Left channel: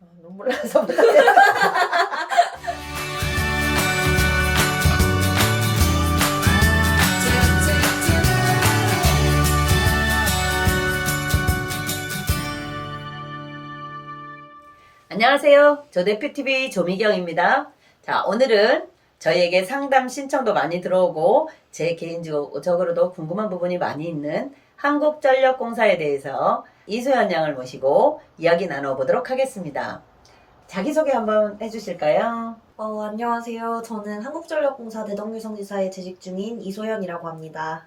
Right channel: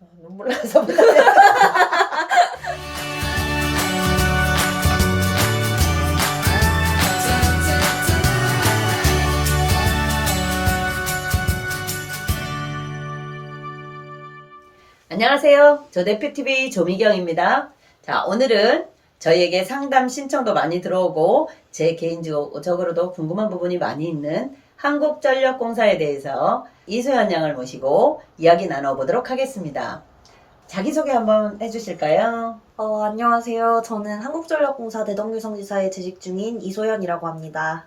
눈물 나서 못하겠어. 안녕하세요. 저 대표TV 조미경입니다. 자, 오늘은 저희에게 상담 신청도 많이 들어오고 제 개인적으로도 궁금한 부분이 많이 있는 한국전력공사에 대해서 이소연 양을 모시고 이야기 나눠보도록 하겠습니다. 자기소개 한번 해주실까요? 안녕하세요. 저는 한국전력공사 대덕유성지사에 재직 중인 이소연이라고 합니다.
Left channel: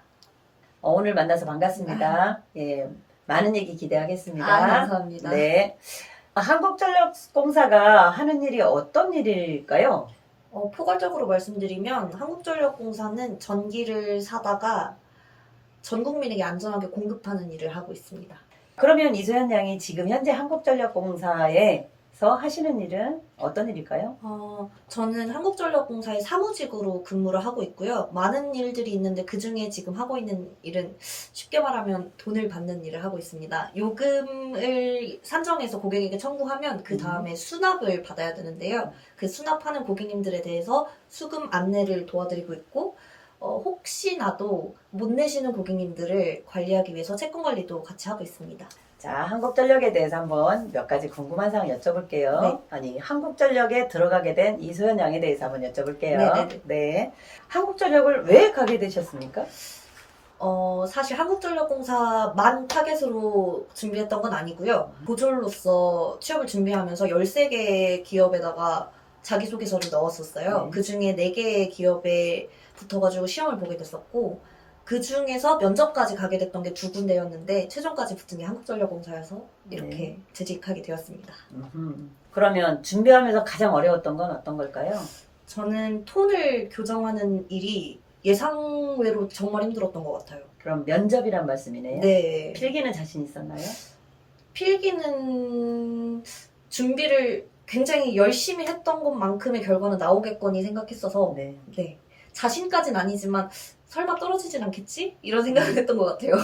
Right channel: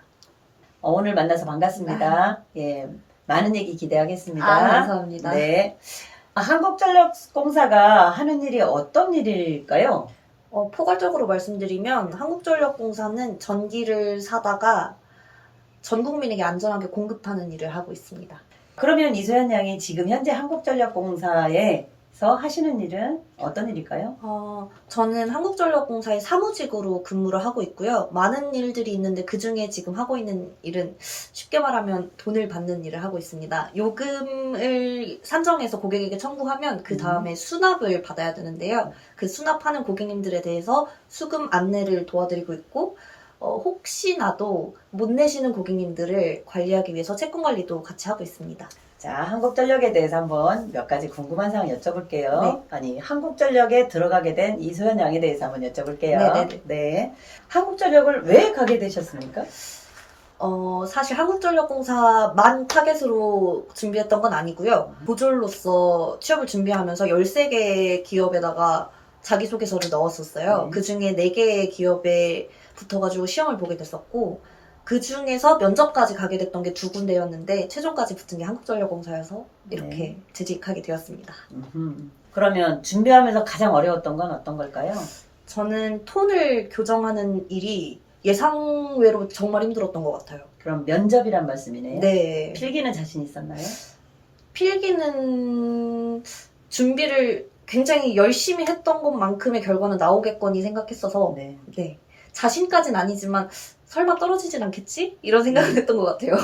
오늘 만나서 반갑습니다. 예, 많은 얘기 기대하겠습니다. 감사합니다. 네. 한국전력공사가 하는 일이 어떤 일일까요? 포괄적으로 말씀드리면 한국전력공사는 전기를 사다가 전 국민에게 안전하게 공급하는 일을 하고 있습니다. 그러면 이소연 양이 지금 현재 한국전력공사에서 하시는 일은 어떤 일일까요? 저는 한국전력공사의 사무직으로 근무를 하고 있고요. 많은 일들이 있는데 그중에 지금 하고 있는 일은 쉽게 말하면 돈을 받는 일을 하고 있습니다. 요금을 산정해서 고객에게 청구하면 그 다음에 수납을 받아야 되는데요. 그 수납하는 고객님들에 대해서 수금 안내를 도와드리고 있고 혹시나도 못 내시는 고객님들을 관리하기 위해서 채권 관리도 같이 하고 있습니다. 자, 한국전력에 대해서 한번 몇 가지 궁금한 사항 여쭤볼게요. 네. 아니, 한국전력에 들어가게 된 이소연 양에 대해서 한번 여쭤볼게요. 네네네. 네. 한국전력을 왜 가게 되셨습니까? 사실 한국전력공사만 타겟으로 준비했던 건 아니고요. 보졸로서 취업을 준비하면서 13개 기업에다가 자기소개서를 넣었었어요. 그 중에 4개의 기업에 붙어가지고 시험을 보게 됐었고, 그 중에서 면접까지 가게 됐던 게 2군데였는데, 최종까지 붙은 게 한국전력공사여서 이렇게 재직하게 되었습니다. 그러면 준비하면서 가장 어려웠던 건 어떤 걸까요? 저는 톤을 교정하는 일이 예상외로 정말 힘들었던 것 같아요. 그럼 면접이란 말씀이네요. 네. 필기는 자신 있었나요? 필기는 준비를 굉장히 열심히 했던 것만큼의 결과는 나오겠거니 생각했어서 네. 네. 자신까지는 아니지만 설마 떨어지진 않겠지? 이런 생각을 했던 것 같아요.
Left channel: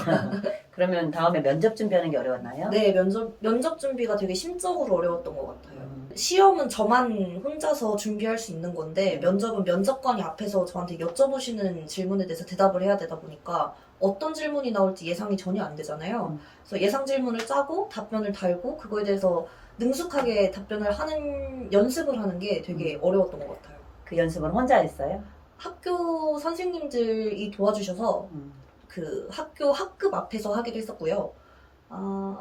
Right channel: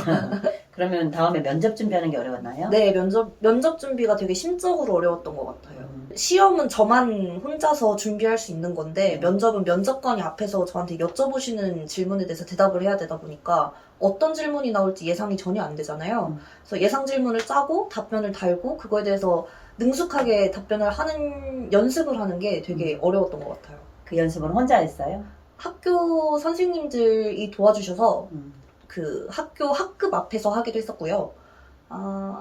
그러면 다음에 면접 준비하는 게 어려웠나요? 네, 면접 준비가 되게 심적으로 어려웠던 것 같아요. 시험은 저만 혼자서 준비할 수 있는 건데 면접은 면접관이 앞에서 저한테 여쭤보시는 질문에 대해서 대답을 해야 되다 보니까 어떤 질문이 나올지 예상이 전혀 안 되잖아요. 그래서 예상 질문을 짜고 답변을 달고 그거에 대해서 능숙하게 답변을 하는 연습을 하는 게 되게 어려웠던 것 같아요. 그 연습은 혼자 했어요? 학교 선생님들이 도와주셔서 그 학교 학급 앞에서 하기도 했었고요.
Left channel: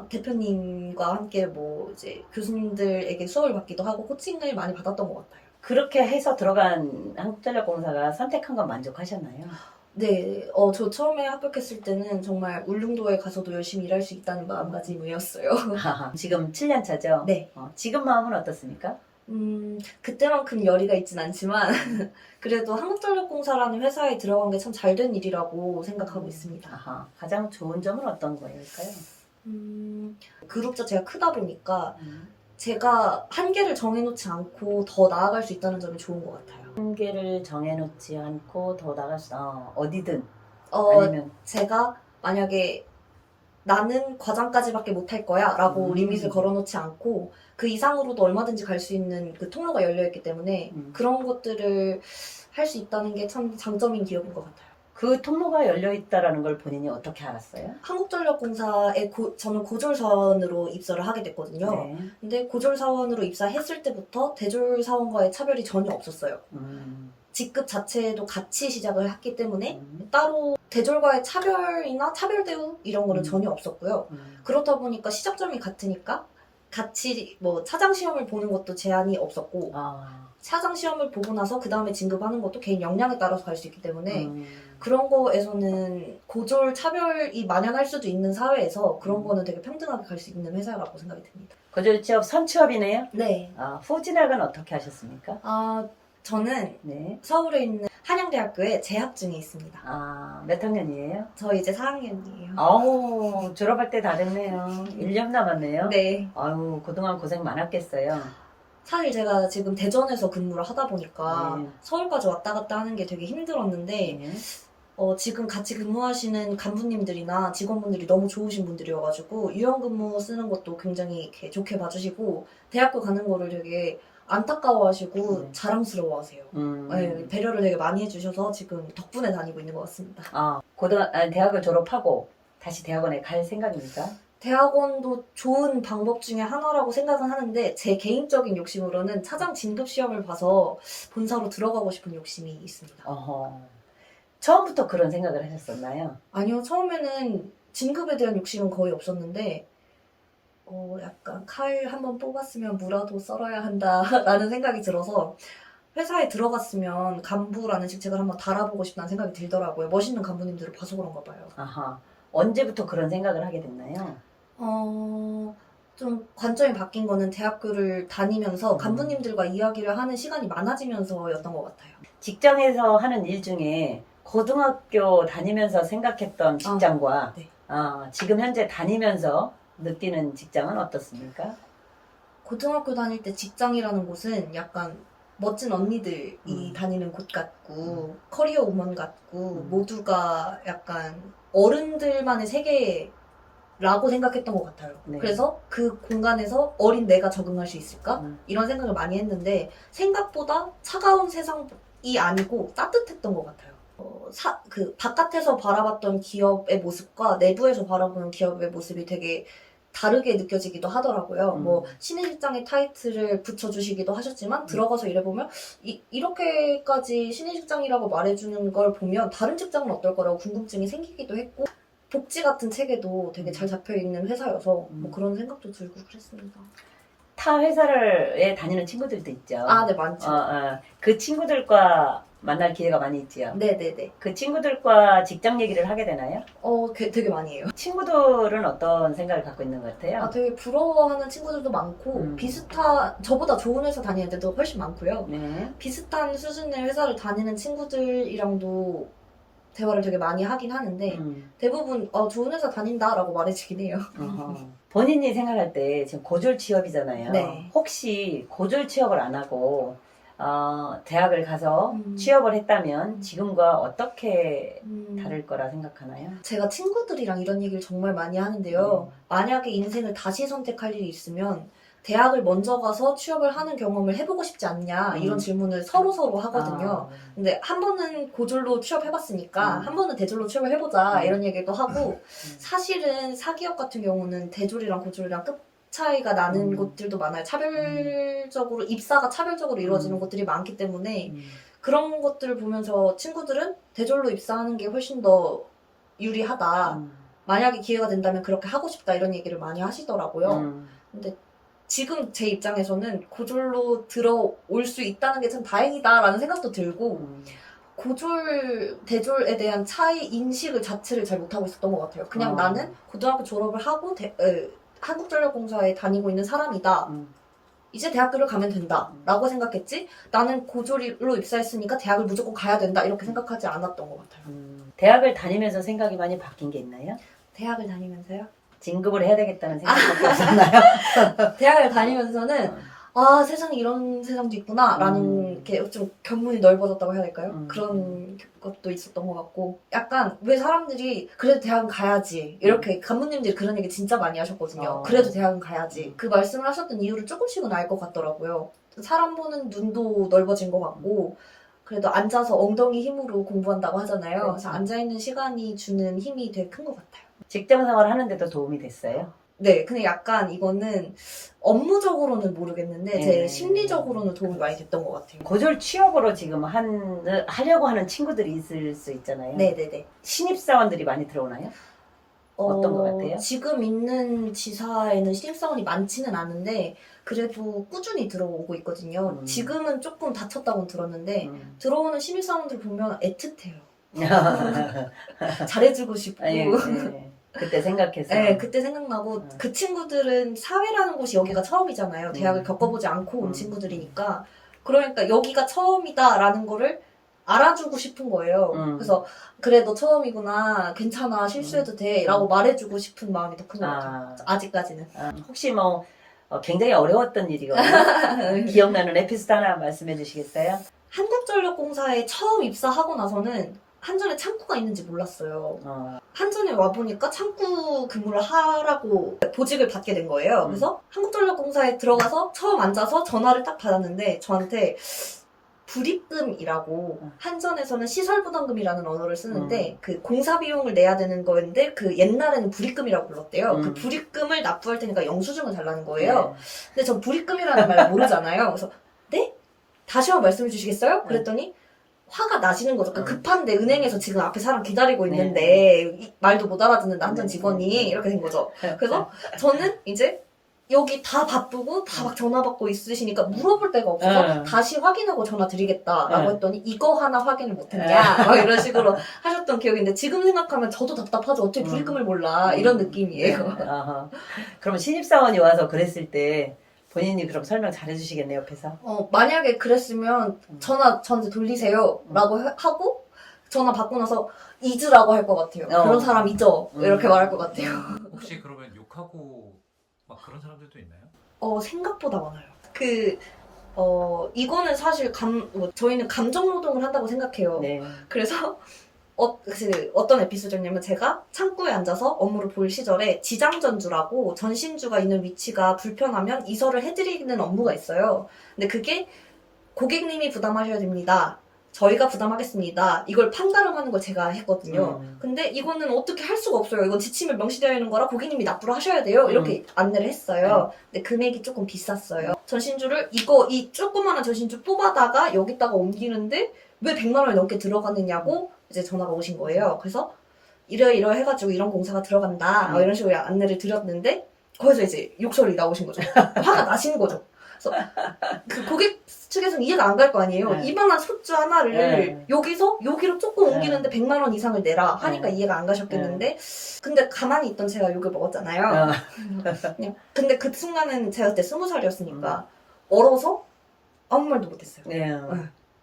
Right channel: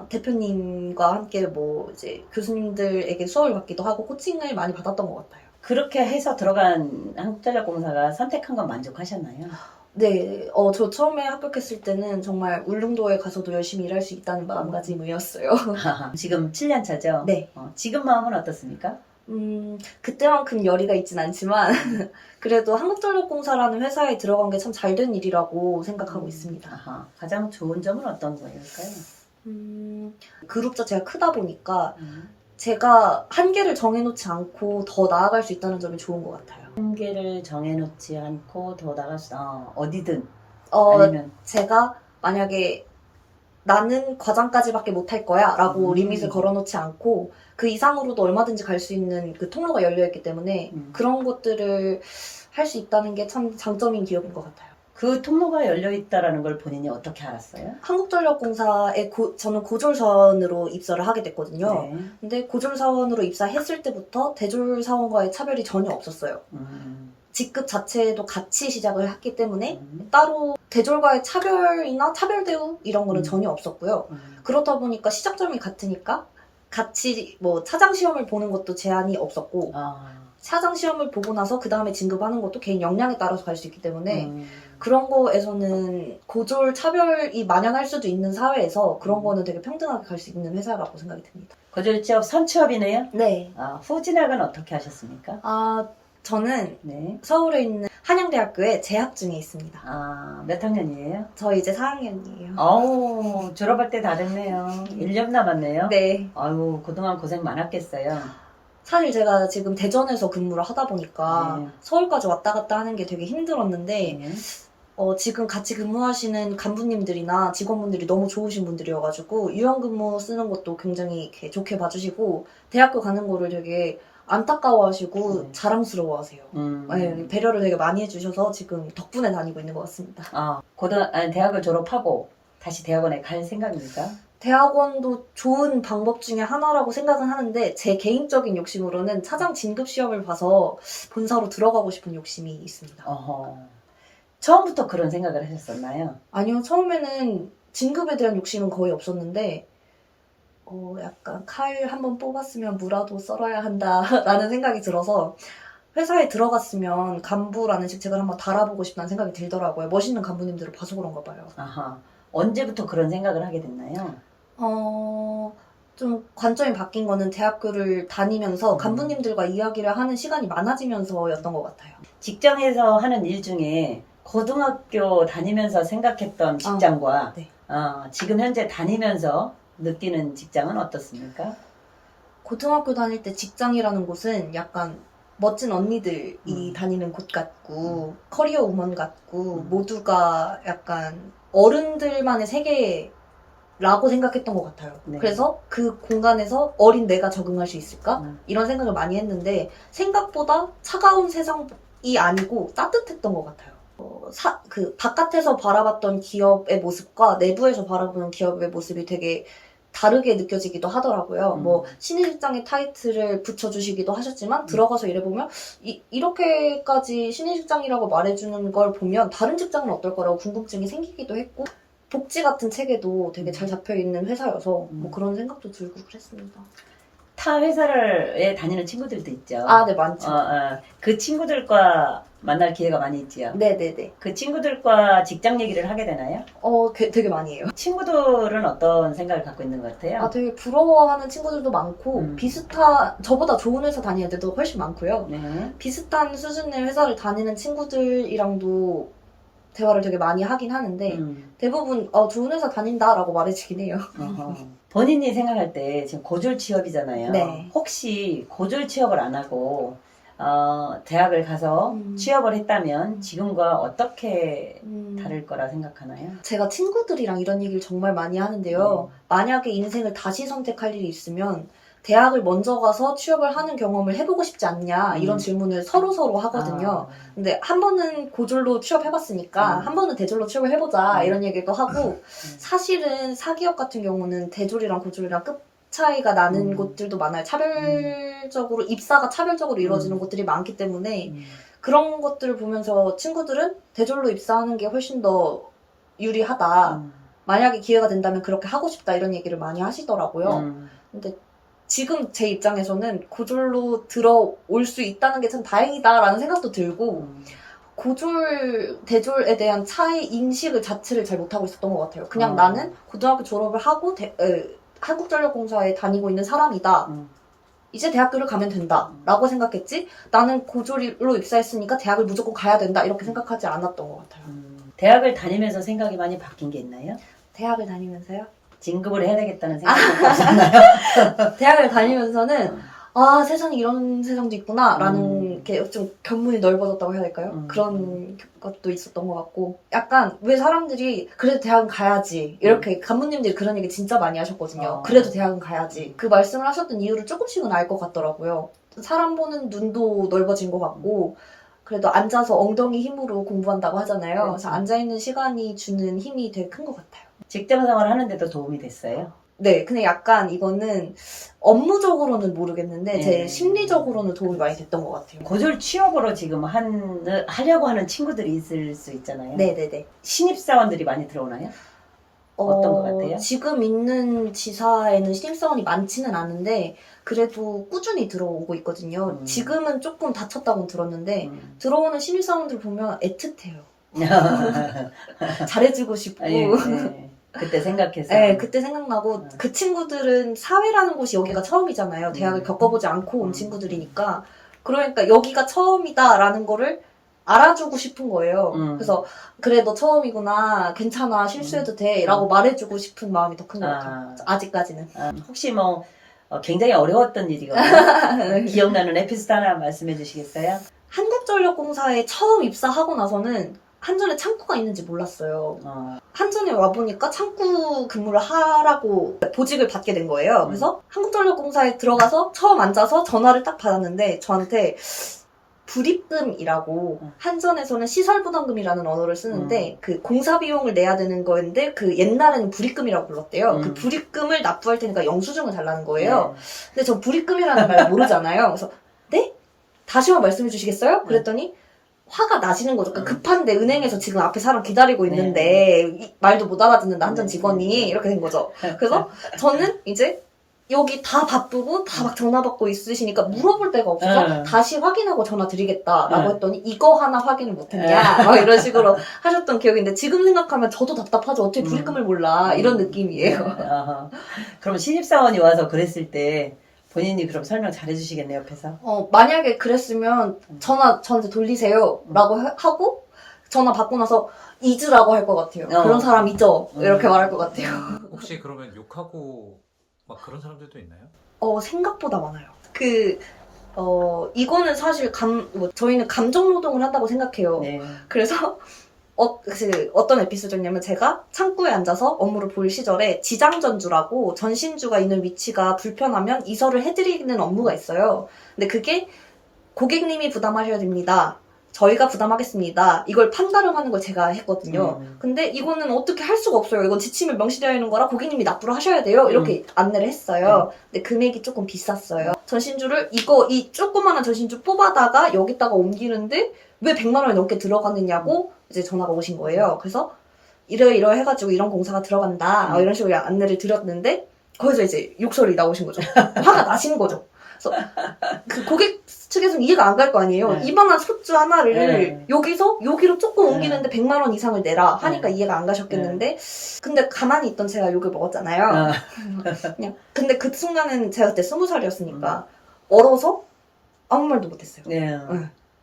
대표님과 함께 뭐 이제 교수님들에게 수업을 받기도 하고 코칭을 많이 받았던 것 같아요. 그렇게 해서 들어간 한국전력공사가 선택한 건 만족하셨나요? 네, 저 처음에 합격했을 때는 정말 울릉도에 가서도 열심히 일할 수 있다는 마음가짐이었어요. 지금 7년 차죠? 네. 지금 마음은 어떻습니까? 그때만큼 열의가 있진 않지만 그래도 한국전력공사라는 회사에 들어간 게 참 잘 된 일이라고 생각하고 있습니다. 가장 좋은 점은 어떤 거일까요? 그룹 자체가 크다 보니까 제가 한계를 정해놓지 않고 더 나아갈 수 있다는 점이 좋은 것 같아요. 한계를 정해놓지 않고 더 나갈 수, 어디든 아니면 제가 만약에 나는 과장까지밖에 못할 거야 라고 리밋을 걸어놓지 않고 그 이상으로도 얼마든지 갈 수 있는 그 통로가 열려있기 때문에 그런 것들을 할 수 있다는 게 참 장점인 기업인 것 같아요. 그 통로가 열려있다라는 걸 본인이 어떻게 알았어요? 한국전력공사에 저는 고졸사원으로 입사를 하게 됐거든요. 네. 근데 고졸사원으로 입사했을 때부터 대졸사원과의 차별이 전혀 없었어요. 직급 자체도 같이 시작을 했기 때문에 따로 대졸과의 차별이나 차별 대우 이런 거는 전혀 없었고요. 그렇다 보니까 시작점이 같으니까 같이 뭐 차장 시험을 보는 것도 제한이 없었고 차장 시험을 보고 나서 그 다음에 진급하는 것도 개인 역량에 따라서 갈 수 있기 때문에 그런 거에서는 고졸 차별이 만연할 수도 있는 사회에서 그런 거는 되게 평등하게 갈 수 있는 회사라고 생각이 듭니다. 고졸 취업 선취업이네요? 네. 후 진학은 어떻게 하셨습니까? 저는 네. 서울에 있는 한양대학교에 재학 중에 있습니다. 몇 학년이에요? 저 이제 4학년이에요. 아우, 졸업할 때 다 됐네요. 1년 남았네요. 네. 아유, 그동안 고생 많았겠어요. 사실 제가 지금 대전에서 근무를 하다 보니까 네. 서울까지 왔다 갔다 하는 게 되게 힘들었는데 네. 지금 같이 근무하시는 간부님들이나 직원분들이 너무 좋으신 분들이어가지고 유연근무 쓰는 것도 굉장히 이렇게 좋게 봐주시고 대학교 가는 거를 되게 안타까워하시고 네. 자랑스러워하세요. 네, 배려를 되게 많이 해주셔서 지금 덕분에 다니고 있는 것 같습니다. 대학을 졸업하고 다시 대학원에 갈 생각입니까? 대학원도 좋은 방법 중에 하나라고 생각은 하는데 제 개인적인 욕심으로는 차장 진급 시험을 봐서 본사로 들어가고 싶은 욕심이 있습니다. 처음부터 그런 생각을 하셨었나요? 아니요, 처음에는 진급에 대한 욕심은 거의 없었는데 약간 칼 한번 뽑았으면 무라도 썰어야 한다라는 생각이 들어서 회사에 들어갔으면 간부라는 직책을 한번 달아보고 싶다는 생각이 들더라고요. 멋있는 간부님들을 봐서 그런가 봐요. 언제부터 그런 생각을 하게 됐나요? 좀 관점이 바뀐 거는 대학교를 다니면서 간부님들과 이야기를 하는 시간이 많아지면서였던 것 같아요. 직장에서 하는 일 중에 고등학교 다니면서 생각했던 직장과 네. 지금 현재 다니면서 느끼는 직장은 어떻습니까? 고등학교 다닐 때 직장이라는 곳은 약간 멋진 언니들이 다니는 곳 같고 커리어 우먼 같고 모두가 약간 어른들만의 세계라고 생각했던 것 같아요. 네. 그래서 그 공간에서 어린 내가 적응할 수 있을까? 이런 생각을 많이 했는데 생각보다 차가운 세상이 아니고 따뜻했던 것 같아요. 바깥에서 바라봤던 기업의 모습과 내부에서 바라보는 기업의 모습이 되게 다르게 느껴지기도 하더라고요. 신입직장의 타이틀을 붙여주시기도 하셨지만 들어가서 일해보면 이렇게까지 신입직장이라고 말해주는 걸 보면 다른 직장은 어떨 거라고 궁금증이 생기기도 했고 복지 같은 체계도 되게 잘 잡혀있는 회사여서 그런 생각도 들고 그랬습니다. 타 회사에 다니는 친구들도 있죠. 네, 많죠. 그 친구들과 만날 기회가 많이 있지요. 네네네. 그 친구들과 직장 얘기를 하게 되나요? 되게 많이 해요. 친구들은 어떤 생각을 갖고 있는 것 같아요? 되게 부러워하는 친구들도 많고 저보다 좋은 회사 다니는 데도 훨씬 많고요. 네. 비슷한 수준의 회사를 다니는 친구들이랑도 대화를 되게 많이 하긴 하는데 대부분 좋은 회사 다닌다라고 말해주긴 해요. 본인이 생각할 때 지금 고졸 취업이잖아요. 네. 혹시 고졸 취업을 안 하고 대학을 가서 취업을 했다면 지금과 어떻게 다를 거라 생각하나요? 제가 친구들이랑 이런 얘기를 정말 많이 하는데요. 만약에 인생을 다시 선택할 일이 있으면 대학을 먼저 가서 취업을 하는 경험을 해보고 싶지 않냐 이런 질문을 서로 하거든요. 근데 한 번은 고졸로 취업해봤으니까 한 번은 대졸로 취업을 해보자 이런 얘기도 하고 사실은 사기업 같은 경우는 대졸이랑 고졸이랑 급 차이가 나는 곳들도 많아요. 차별적으로 입사가 차별적으로 이루어지는 곳들이 많기 때문에 그런 것들을 보면서 친구들은 대졸로 입사하는 게 훨씬 더 유리하다. 만약에 기회가 된다면 그렇게 하고 싶다 이런 얘기를 많이 하시더라고요. 근데 지금 제 입장에서는 고졸로 들어올 수 있다는 게 참 다행이다라는 생각도 들고 고졸, 대졸에 대한 차이 인식을 자체를 잘 못하고 있었던 것 같아요. 그냥 나는 고등학교 졸업을 하고 한국전력공사에 다니고 있는 사람이다. 이제 대학교를 가면 된다 라고 생각했지 나는 고졸로 입사했으니까 대학을 무조건 가야 된다 이렇게 생각하지 않았던 것 같아요. 대학을 다니면서 생각이 많이 바뀐 게 있나요? 대학을 다니면서요? 진급을 해야 되겠다는 생각이 없었나요? 대학을 다니면서는 세상에 이런 세상도 있구나 라는 게 좀 견문이 넓어졌다고 해야 될까요? 그런 것도 있었던 것 같고 약간 왜 사람들이 그래도 대학은 가야지 이렇게 간부님들이 그런 얘기 진짜 많이 하셨거든요. 그래도 대학은 가야지 그 말씀을 하셨던 이유를 조금씩은 알 것 같더라고요. 사람 보는 눈도 넓어진 것 같고 그래도 앉아서 엉덩이 힘으로 공부한다고 하잖아요. 그래서 앉아있는 시간이 주는 힘이 되게 큰 것 같아요. 직장 생활 하는데도 도움이 됐어요? 네, 근데 약간 이거는 업무적으로는 모르겠는데 제 심리적으로는 도움이 많이 됐던 것 같아요. 고졸 취업으로 지금 하려고 하는 친구들이 있을 수 있잖아요. 네네네. 신입사원들이 많이 들어오나요? 어떤 것 같아요? 지금 있는 지사에는 신입사원이 많지는 않은데 그래도 꾸준히 들어오고 있거든요. 지금은 조금 다쳤다고 들었는데 들어오는 신입사원들 보면 애틋해요. 잘해주고 싶고 그때 생각해서 네, 그때 생각나고 그 친구들은 사회라는 곳이 여기가 처음이잖아요. 대학을 겪어보지 않고 온 친구들이니까 그러니까 여기가 처음이다라는 거를 알아주고 싶은 거예요. 그래서 그래 너 처음이구나 괜찮아 실수해도 돼 라고 말해주고 싶은 마음이 더 큰 것 같아요. 아직까지는. 혹시 굉장히 어려웠던 일이거든요. 기억나는 에피소드 하나 말씀해 주시겠어요? 한국전력공사에 처음 입사하고 나서는 한전에 창구가 있는지 몰랐어요. 어. 한전에 와보니까 창구 근무를 하라고 보직을 받게 된 거예요. 그래서 한국전력공사에 들어가서 처음 앉아서 전화를 딱 받았는데 저한테 불입금이라고 한전에서는 시설부담금이라는 언어를 쓰는데 그 공사 비용을 내야 되는 거였는데 그 옛날에는 불입금이라고 불렀대요. 그 불입금을 납부할 테니까 영수증을 달라는 거예요. 근데 전 불입금이라는 말 모르잖아요. 그래서 네? 다시 한번 말씀해 주시겠어요? 그랬더니 화가 나시는 거죠. 그러니까 급한데 은행에서 지금 앞에 사람 기다리고 있는데 말도 못 알아듣는다 한전 직원이 이렇게 된 거죠. 그래서 저는 이제 여기 다 바쁘고 다 막 전화 받고 있으시니까 물어볼 데가 없어서 다시 확인하고 전화 드리겠다라고 했더니 이거 하나 확인을 못했냐 막 이런 식으로 하셨던 기억인데 지금 생각하면 저도 답답하죠. 어떻게 불입금을 몰라 이런 느낌이에요. 그럼 신입사원이 와서 그랬을 때 본인이 그럼 설명 잘 해주시겠네요, 옆에서? 만약에 그랬으면 전화 저한테 돌리세요 라고 하고 전화 받고 나서 잊으라고 할 것 같아요. 그런 사람 잊어 이렇게 말할 것 같아요. 혹시 그러면 욕하고 막 그런 사람들도 있나요? 생각보다 많아요. 이거는 사실 저희는 감정 노동을 한다고 생각해요. 네. 그래서 어떤 에피소드냐면 제가 창구에 앉아서 업무를 볼 시절에 지장전주라고 전신주가 있는 위치가 불편하면 이설을 해드리는 업무가 있어요. 근데 그게 고객님이 부담하셔야 됩니다. 저희가 부담하겠습니다. 이걸 판가름하는 걸 제가 했거든요. 근데 이거는 어떻게 할 수가 없어요. 이건 지침에 명시되어 있는 거라 고객님이 납부를 하셔야 돼요. 이렇게 안내를 했어요. 근데 금액이 조금 비쌌어요. 전신주를 이 조그마한 전신주 뽑아다가 여기다가 옮기는데 왜 100만 원이 넘게 들어가느냐고 이제 전화가 오신 거예요. 그래서 이러 해가지고 이런 공사가 들어간다. 이런 식으로 안내를 드렸는데 거기서 이제 욕설이 나오신 거죠. 화가 나신 거죠. 그래서 그 고객 측에서는 이해가 안 갈 거 아니에요. 이만한 소주 하나를 여기로 조금 옮기는데 100만 원 이상을 내라 하니까 이해가 안 가셨겠는데 근데 가만히 있던 제가 욕을 먹었잖아요. 그냥 근데 그 순간은 제가 그때 20살이었으니까 얼어서 아무 말도 못했어요.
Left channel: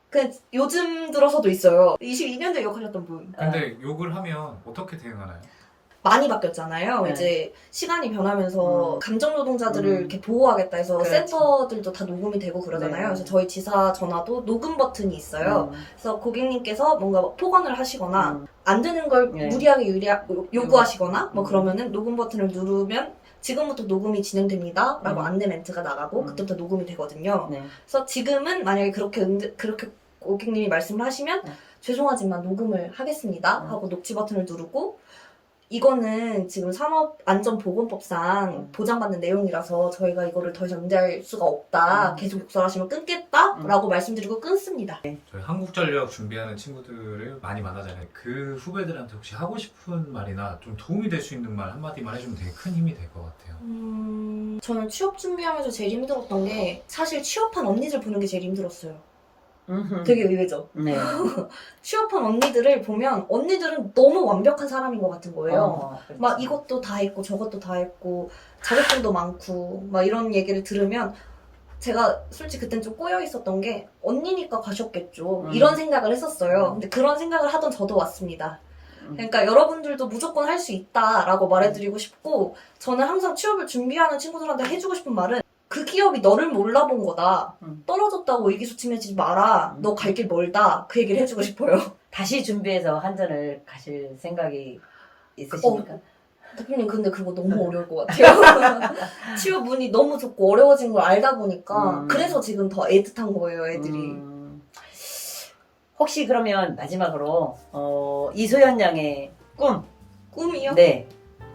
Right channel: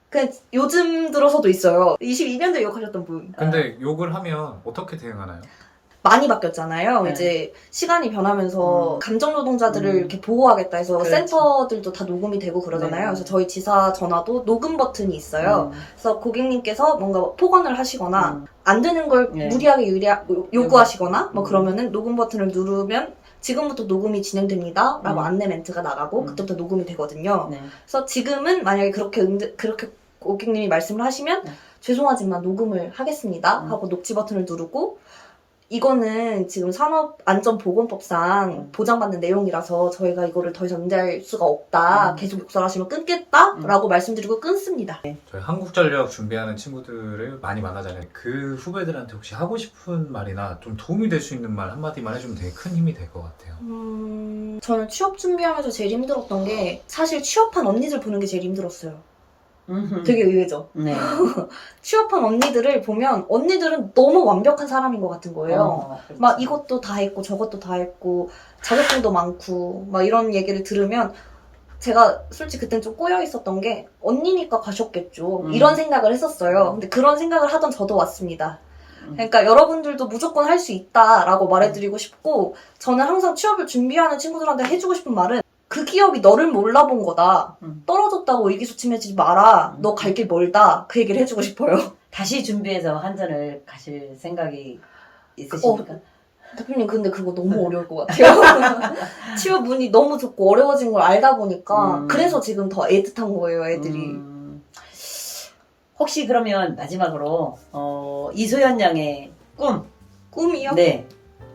그냥 요즘 들어서도 있어요. 22년도에 욕하셨던 분. 근데 욕을 하면 어떻게 대응하나요? 많이 바뀌었잖아요. 이제 시간이 변하면서 감정 노동자들을 이렇게 보호하겠다 해서 그렇지. 센터들도 다 녹음이 되고 그러잖아요. 그래서 저희 지사 전화도 녹음 버튼이 있어요. 그래서 고객님께서 뭔가 폭언을 하시거나 안 되는 걸 무리하게 요구하시거나 뭐 그러면은 녹음 버튼을 누르면 지금부터 녹음이 진행됩니다. 라고 안내 멘트가 나가고 그때부터 녹음이 되거든요. 그래서 지금은 만약에 그렇게 고객님이 말씀을 하시면 죄송하지만 녹음을 하겠습니다. 하고 녹취 버튼을 누르고 이거는 지금 산업안전보건법상 보장받는 내용이라서 저희가 이거를 더 이상 응대할 수가 없다. 계속 욕설하시면 끊겠다. 라고 말씀드리고 끊습니다. 저희 한국전력 준비하는 친구들을 많이 만나잖아요. 그 후배들한테 혹시 하고 싶은 말이나 좀 도움이 될 수 있는 말 한마디만 해주면 되게 큰 힘이 될 것 같아요. 저는 취업 준비하면서 제일 힘들었던 게 사실 취업한 언니들 보는 게 제일 힘들었어요. 되게 의외죠. 네. 취업한 언니들을 보면 언니들은 너무 완벽한 사람인 것 같은 거예요. 그렇죠. 막 이것도 다 했고 저것도 다 했고 자격증도 많고 막 이런 얘기를 들으면 제가 솔직히 그땐 좀 꼬여 있었던 게 언니니까 가셨겠죠. 이런 생각을 했었어요. 근데 그런 생각을 하던 저도 왔습니다. 그러니까 여러분들도 무조건 할 수 있다라고 말해드리고 싶고 저는 항상 취업을 준비하는 친구들한테 해주고 싶은 말은 그 기업이 너를 몰라본 거다. 떨어졌다고 의기소침해지지 마라. 너 갈 길 멀다. 그 얘기를 해주고 싶어요. 다시 준비해서 한전을 가실 생각이 있으십니까? 대표님 근데 그거 너무 어려울 것 같아요. 취업 문이 너무 좋고 어려워진 걸 알다 보니까 그래서 지금 더 애틋한 거예요, 애들이. 혹시 그러면 마지막으로 이소연 양의 꿈이요? 네.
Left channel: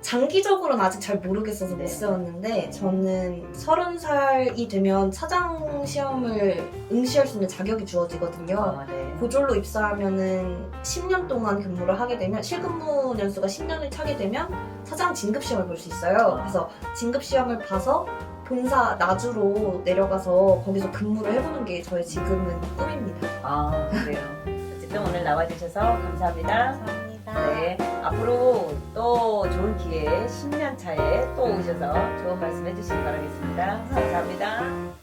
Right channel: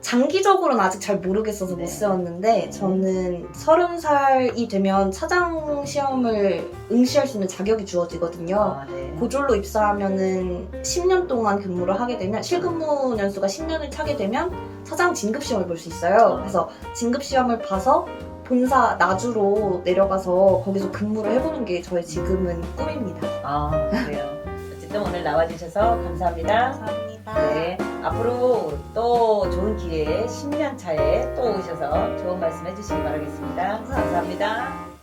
장기적으로는 아직 잘 모르겠어서 못 세웠는데 저는 30살이 되면 차장 시험을 응시할 수 있는 자격이 주어지거든요. 네. 고졸로 입사하면은 10년 동안 근무를 하게 되면 실근무 년수가 10년을 차게 되면 차장 진급 시험을 볼 수 있어요. 그래서 진급 시험을 봐서 본사 나주로 내려가서 거기서 근무를 해보는 게 저의 지금은 꿈입니다. 그래요. 어쨌든 오늘 나와주셔서 감사합니다. 감사합니다. 네. 앞으로 또 좋은 기회에 10년 차에 또 오셔서 좋은 말씀 해주시기 바라겠습니다. 감사합니다.